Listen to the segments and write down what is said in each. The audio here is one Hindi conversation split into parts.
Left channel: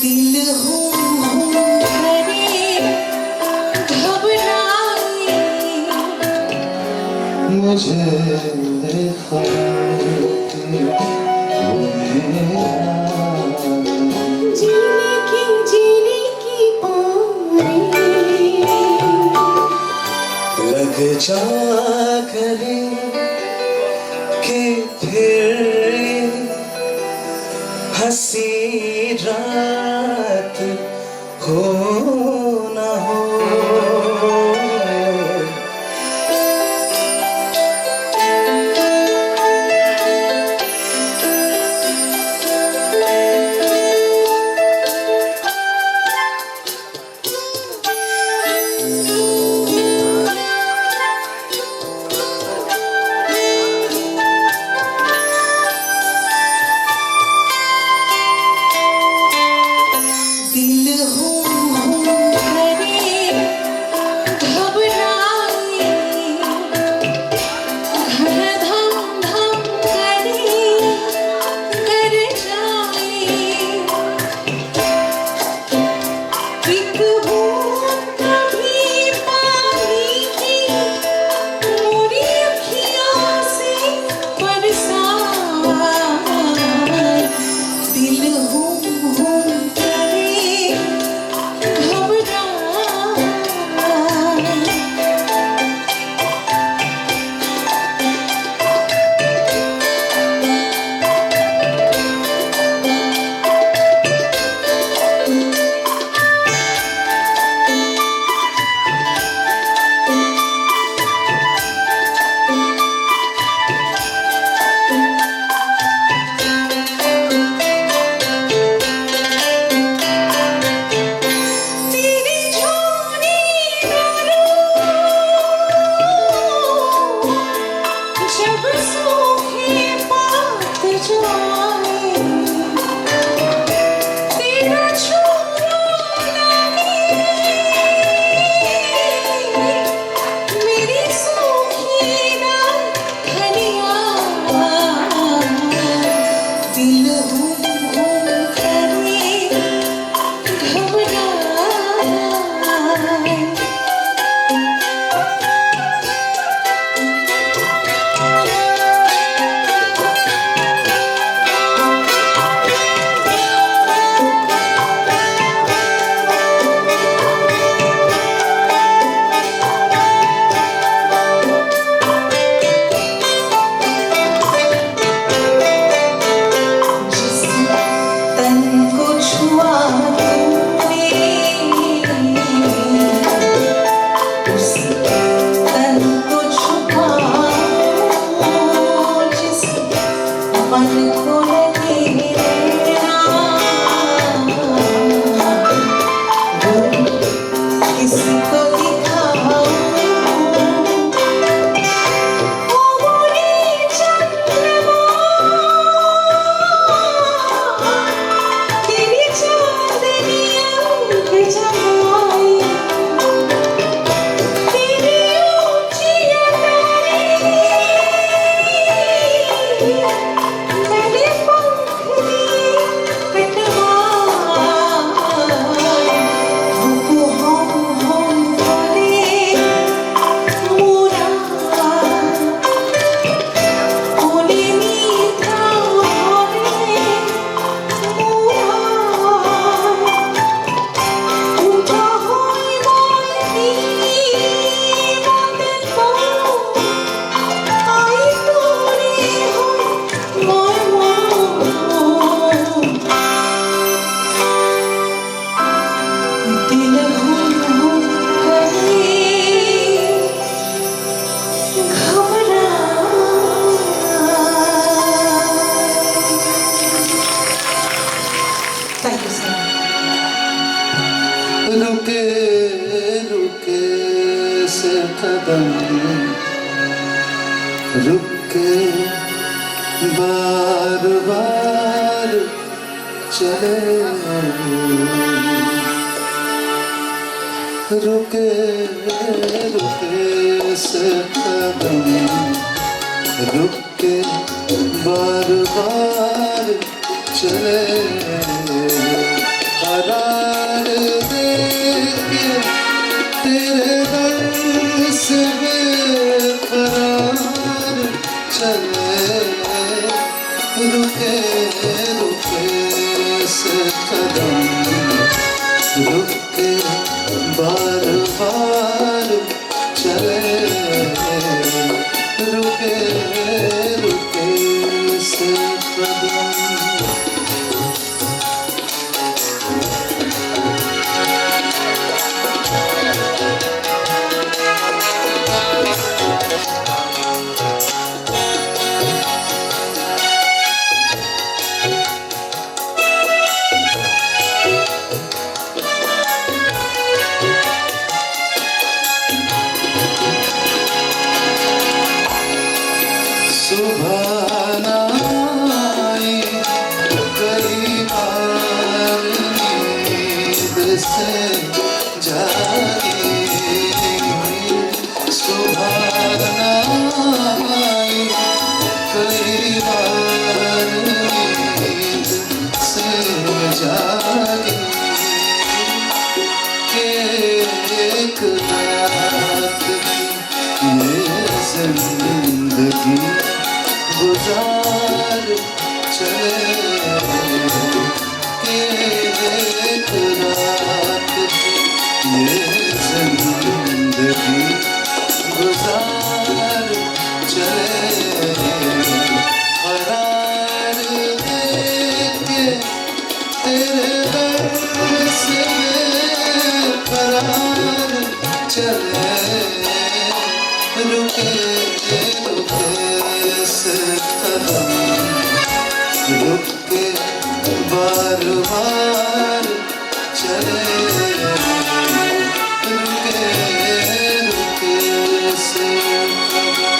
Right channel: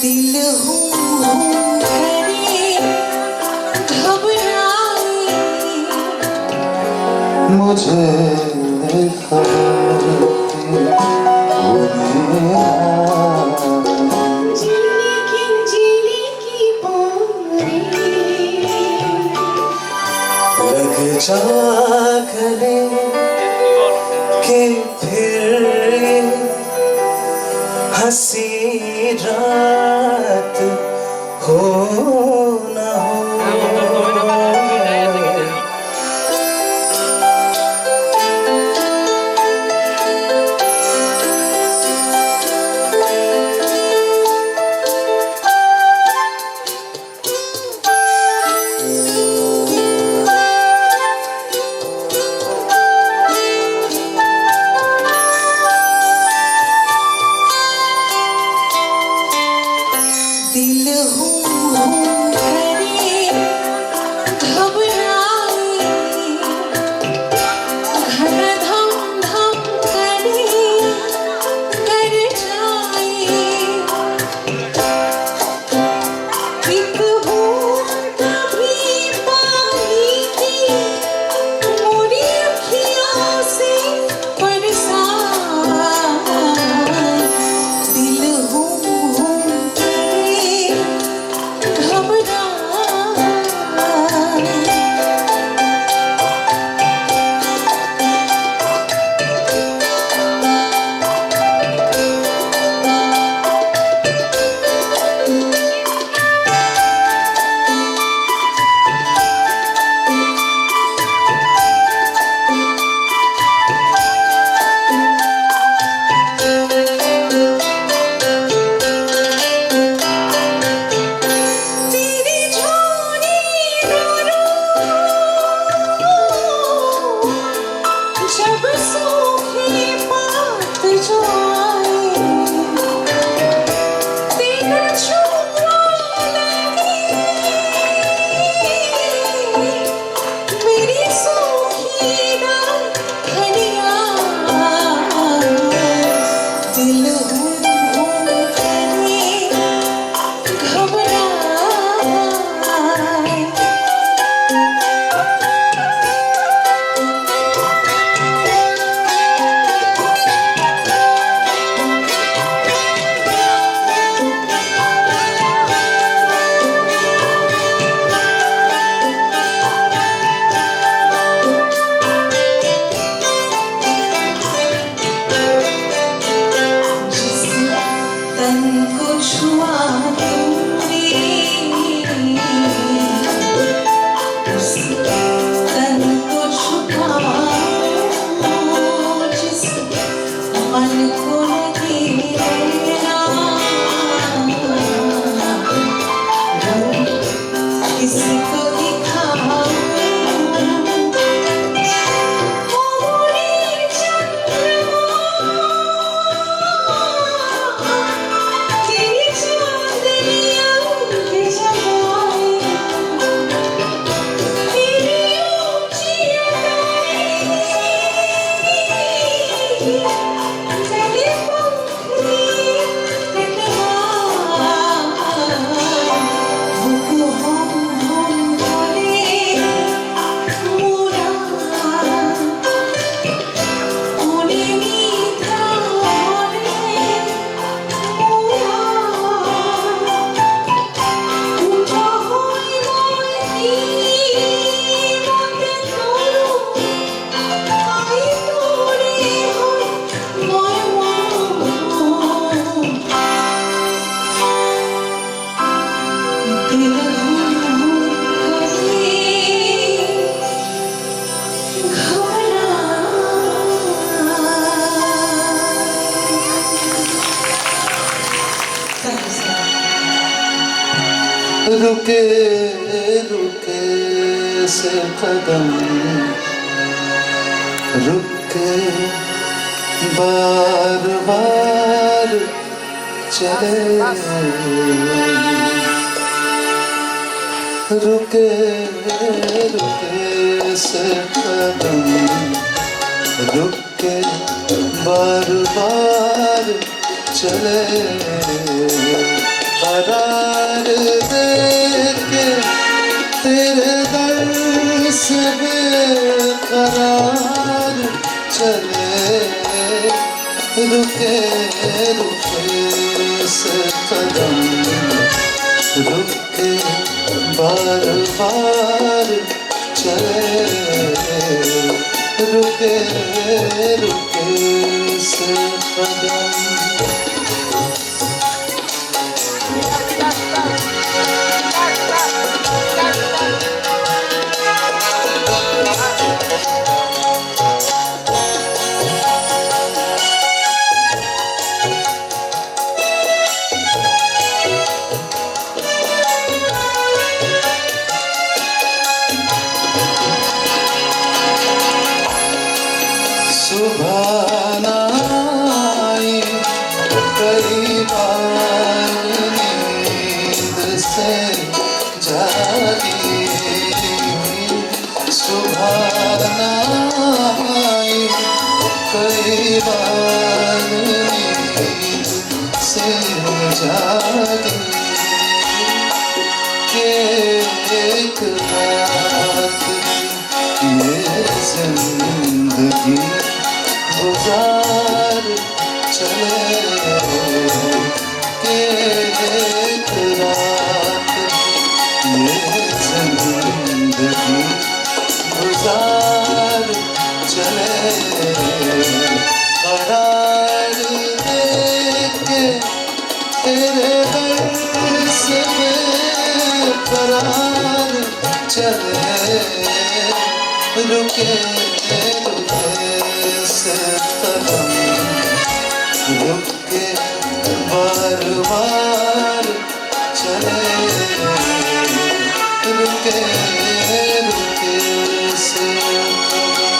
दिल हूँ करे घबराए मुझे जीने की बारी लग जा करे के फिर हंसी रात हो ना हो। दिल हूँ करे घबराए घन धम धम करे कर जाए एक बूंद भी पानी की मोरी अखियों से बरसाए दिल हूँ करे घबराए तेरी झोली जब सूखे पात जो आए तेरा छुपा लगे मेरी सूखी डालियाँ दिल हूँ करे घबराए जिस तन को छुआ तूने उस तन को छुपा जिस मन को लगे ना वो किसको दिखाऊं वो बोले तेरी चांदनियाँ जमाई तेरी ऊंची अदाएं तेरे पंख कटवाए वो हम करे मुरा बोले मीठा रे उठा होई मोई बातें तो आई तोरे होई दिल हूँ करे रुके रुके से कदम रुके बार बार चले रुके रुके से कदम रुके बार बार चले कदम रुक के बार बार चले रुके रुके से कदम सुबह आई कई बार नींद से जागी सुबह आई कई बार नींद से जागी एक रात ये जिंदगी गुजार चले एक रात ये जिंदगी गुजार चले करार देके तेरे बरस में करार चले रुके रुके से कदम रुक के बार बार चले रुके रुके से कदम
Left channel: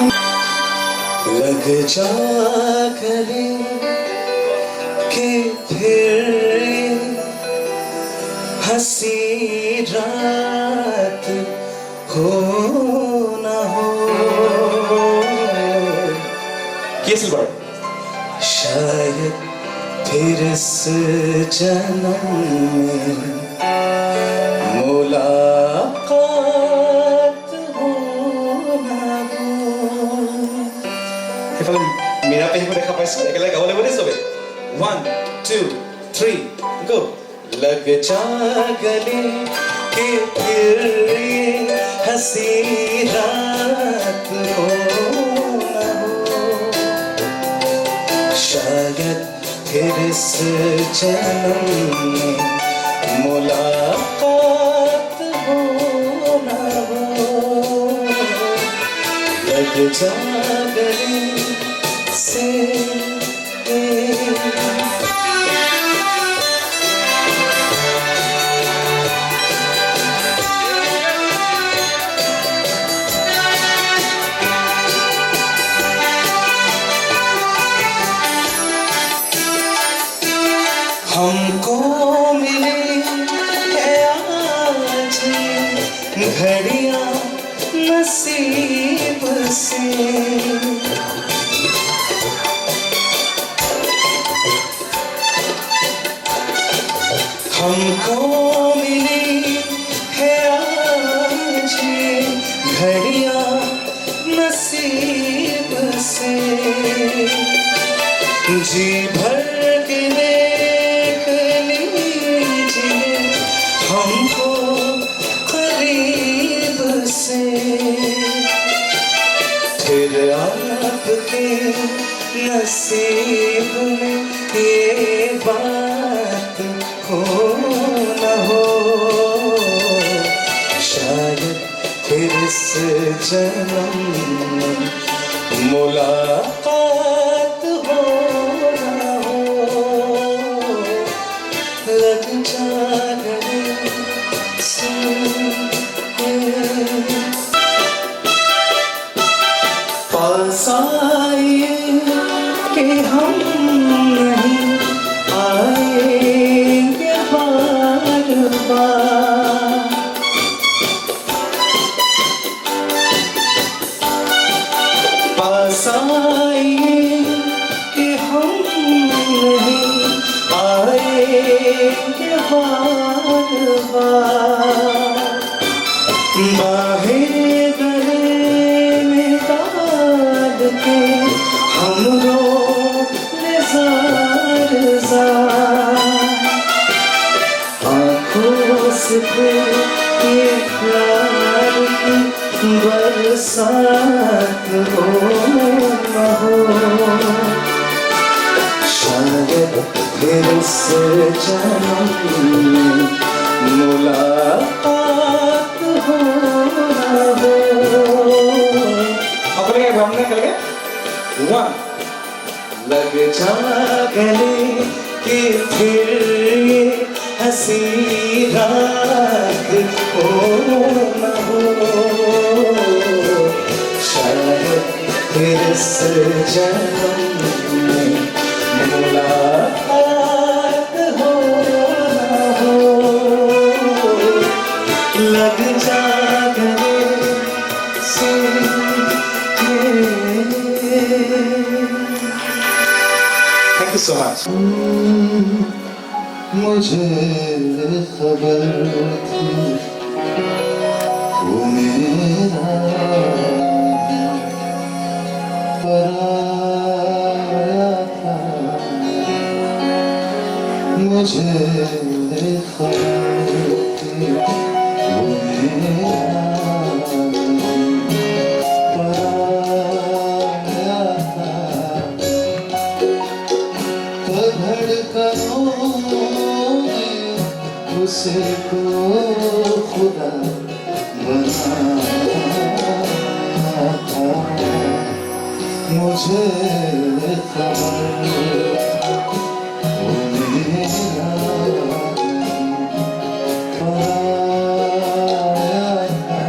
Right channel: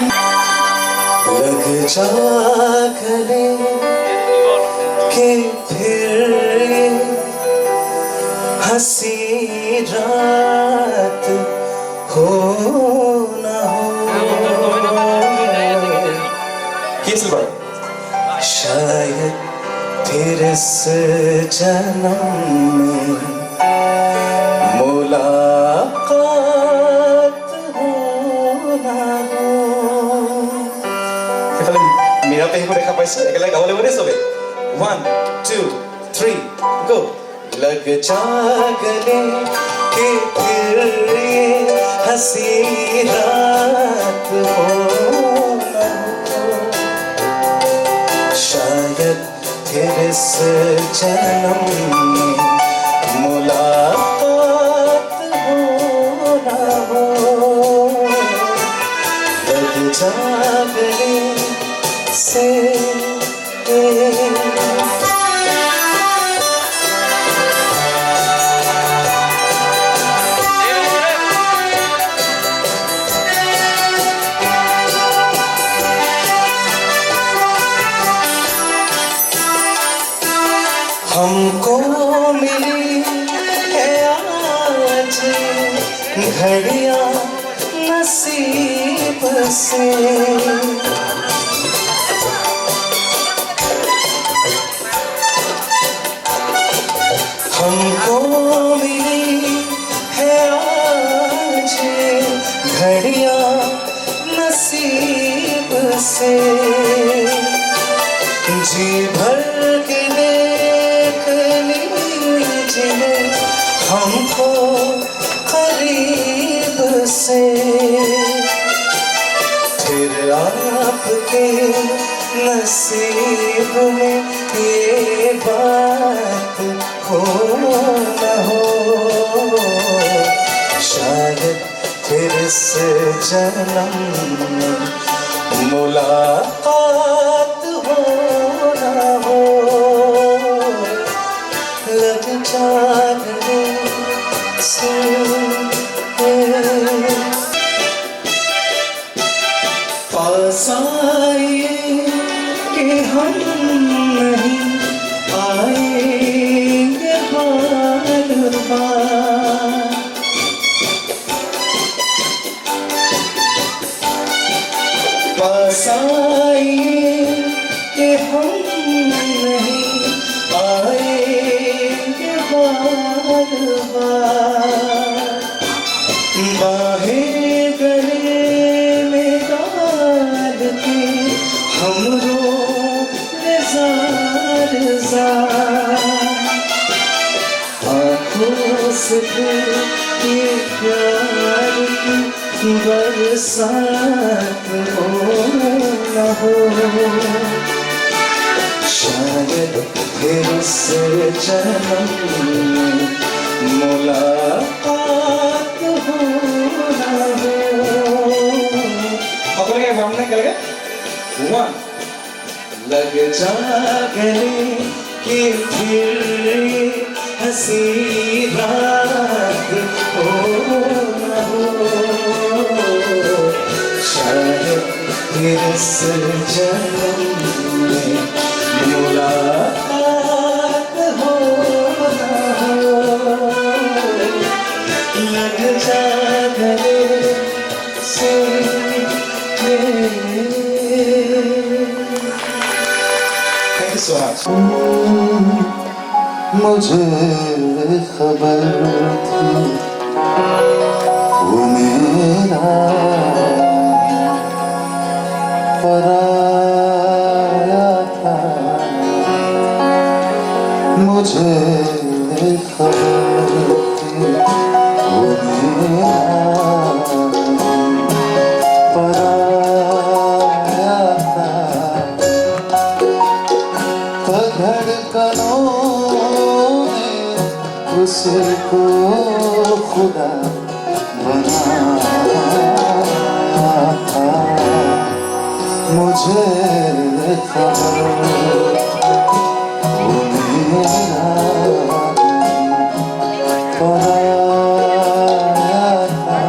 लग जा गले के फिर हंसी रात हो ना हो। किस बार शायद फिर इस जन्म में मुलाकात हो ना हो। সেইফালে মীৰা পেহীকো দেখা পাইছো, একেলগে গাব লাগিব দেই চবে। 1 2 3 গো। लग जा गले के फिर ये हंसी रात हो ना हो। शायद फिर इस जन्म में मुलाकात हो ना हो। लग जा गले से हमको मिली है आज घड़ियां नसीब से। हमको मिली है आज घड़ियां नसीब से। जी भर के देख लीजिए हमको करीब से। फिर आपके नसीब में ये बात हो ना हो। शायद फिर इस जन्म में मुलाकात हो ना हो। लग जा गले से पास आए कि हम नहीं आएंगे बार बार। पास आए कि हम नहीं आएंगे बार बार। बाहें गले में डाल के हम रोए ज़ार ज़ार। आँखों से फिर ये प्यार की बरसात हो ना हो। शायद फिर इस जन्म में मुलाकात हो ना हो। अपने सामने करके 1 लग जा गले कि फिर ये हंसी रात हो ना हो। शायद फिर इस जन्म में मुलाकात हो ना हो। लग जा गले से थैंक यू सो मच। मुझे खबर थी वो मेरा पराया था। मुझे खबर थी वो मेरा पराया था। धड़कनों में उसको खुदा बनाया था। मुझे खबर वो मेरा पराया था।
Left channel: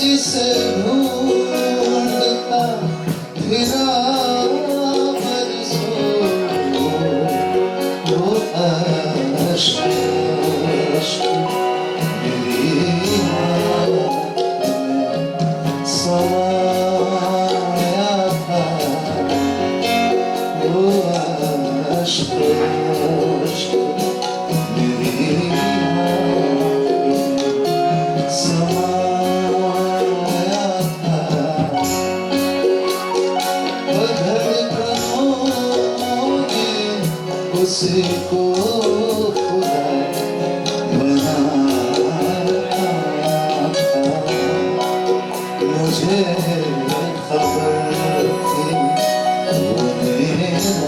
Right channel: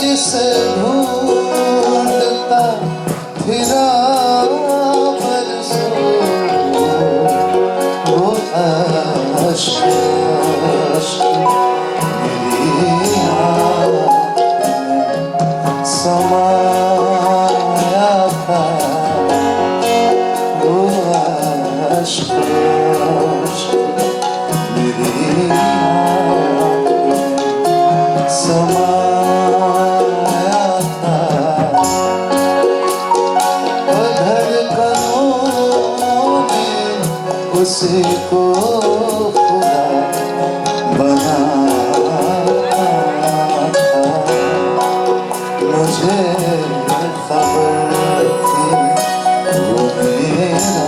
जिसे ढूंढता फिरा बरसों वो अश्क मेरी आँख में समाया था वो अश्क मेरी आँख में समाया था धड़कनों ने उसी को खुदा बनाया था मुझे खबर थी वो मेरा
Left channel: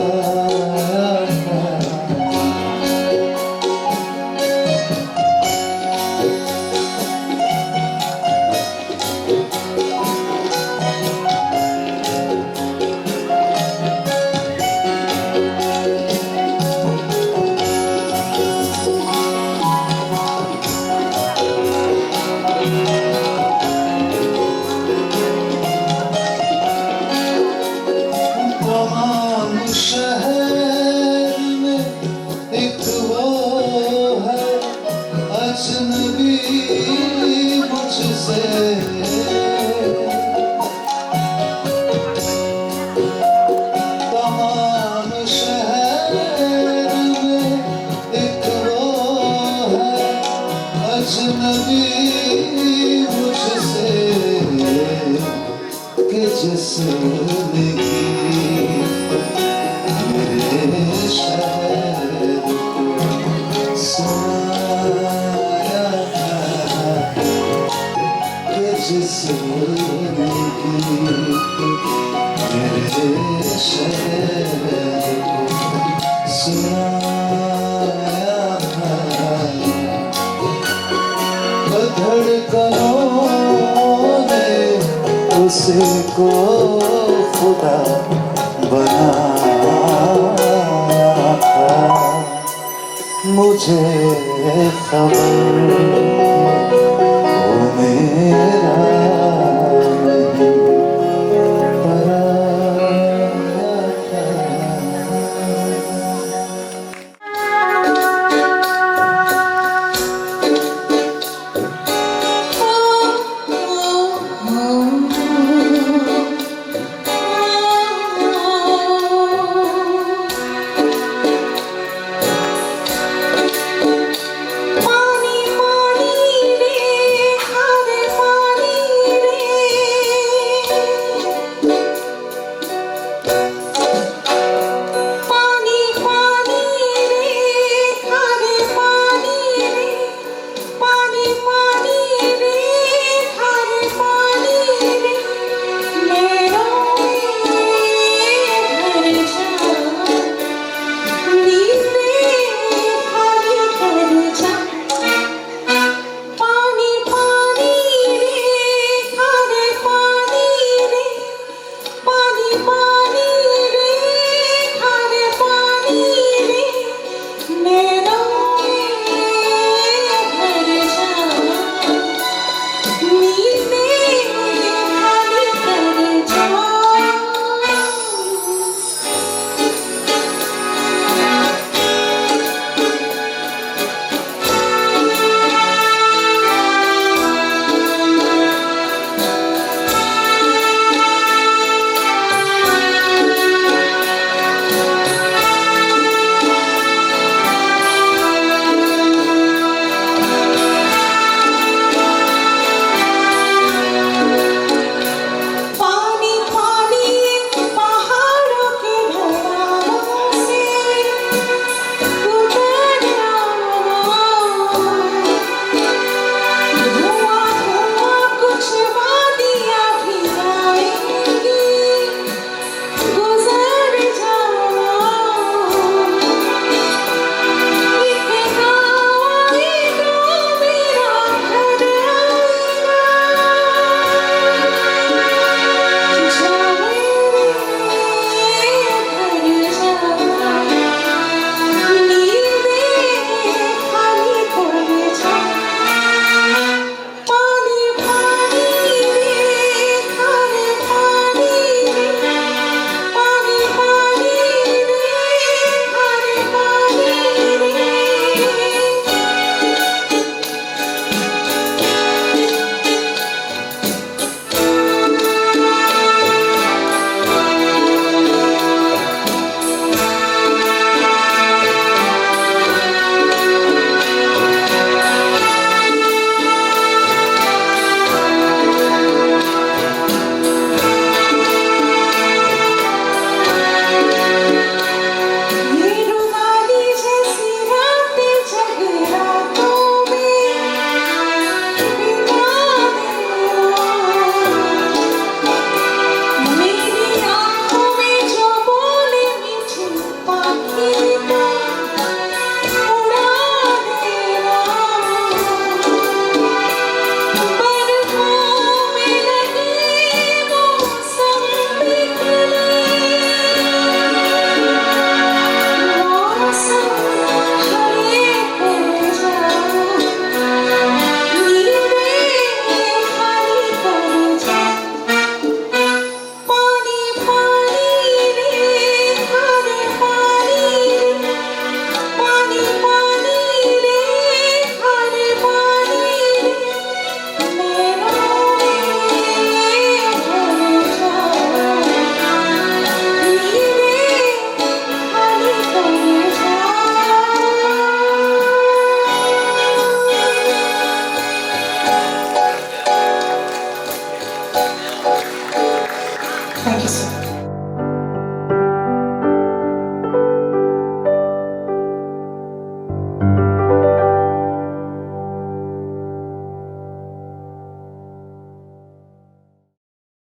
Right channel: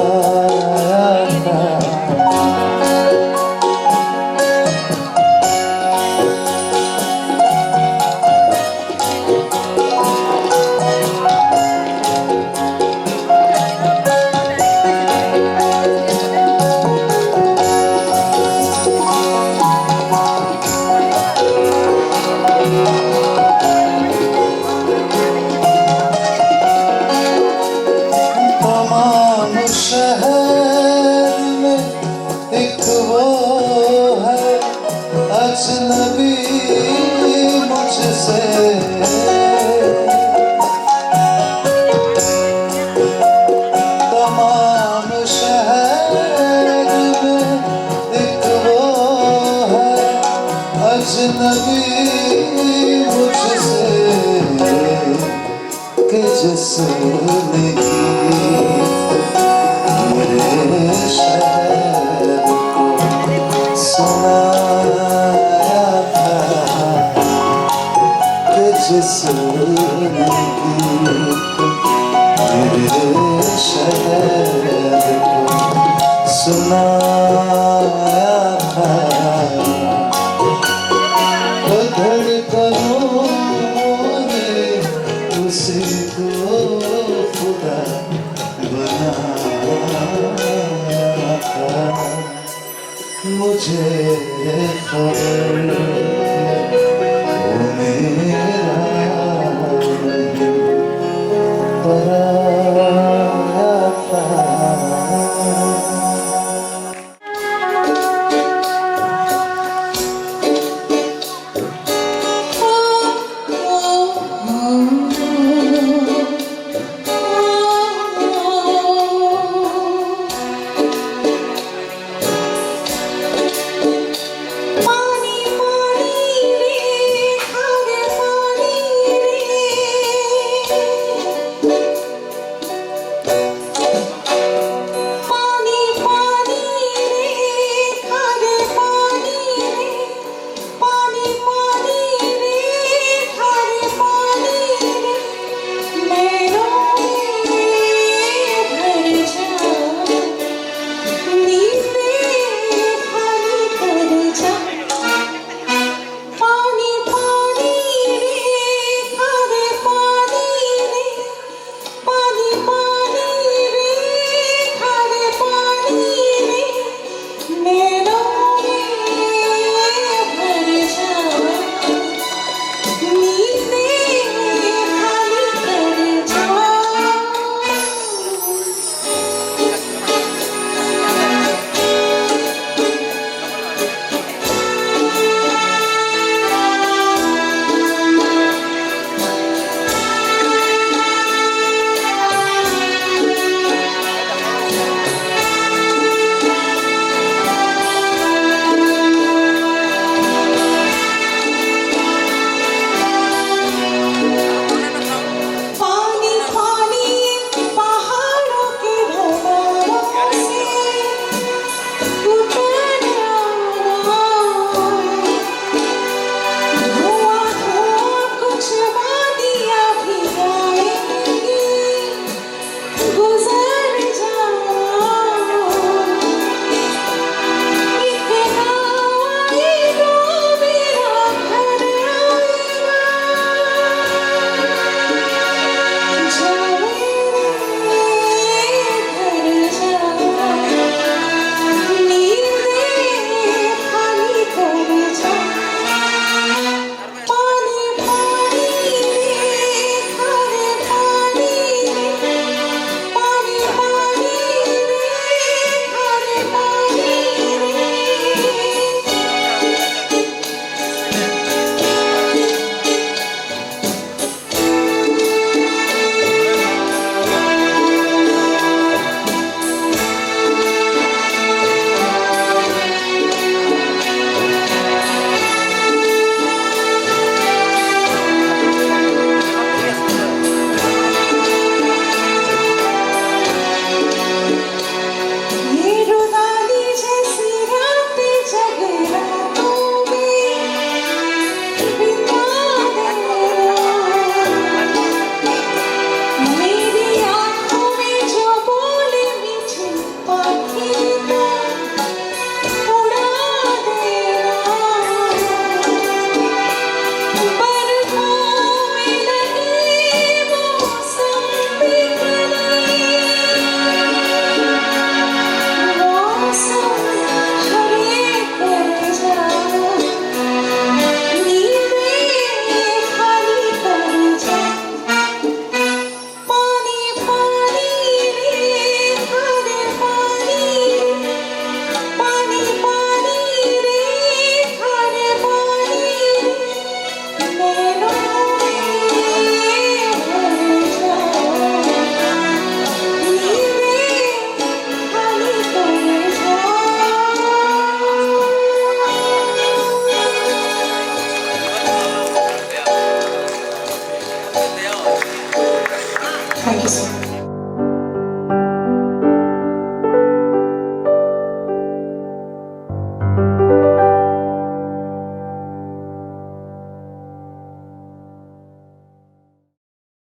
पराया था तमाम शहर में एक वो है अजनबी मुझसे तमाम शहर में एक वो है अजनबी मुझसे कि जिसने मेरे शहर को सुनाया था कि जिसने मेरे शहर को सुनाया था तो धड़कनों ने उसी को खुदा बनाया था मुझे खबर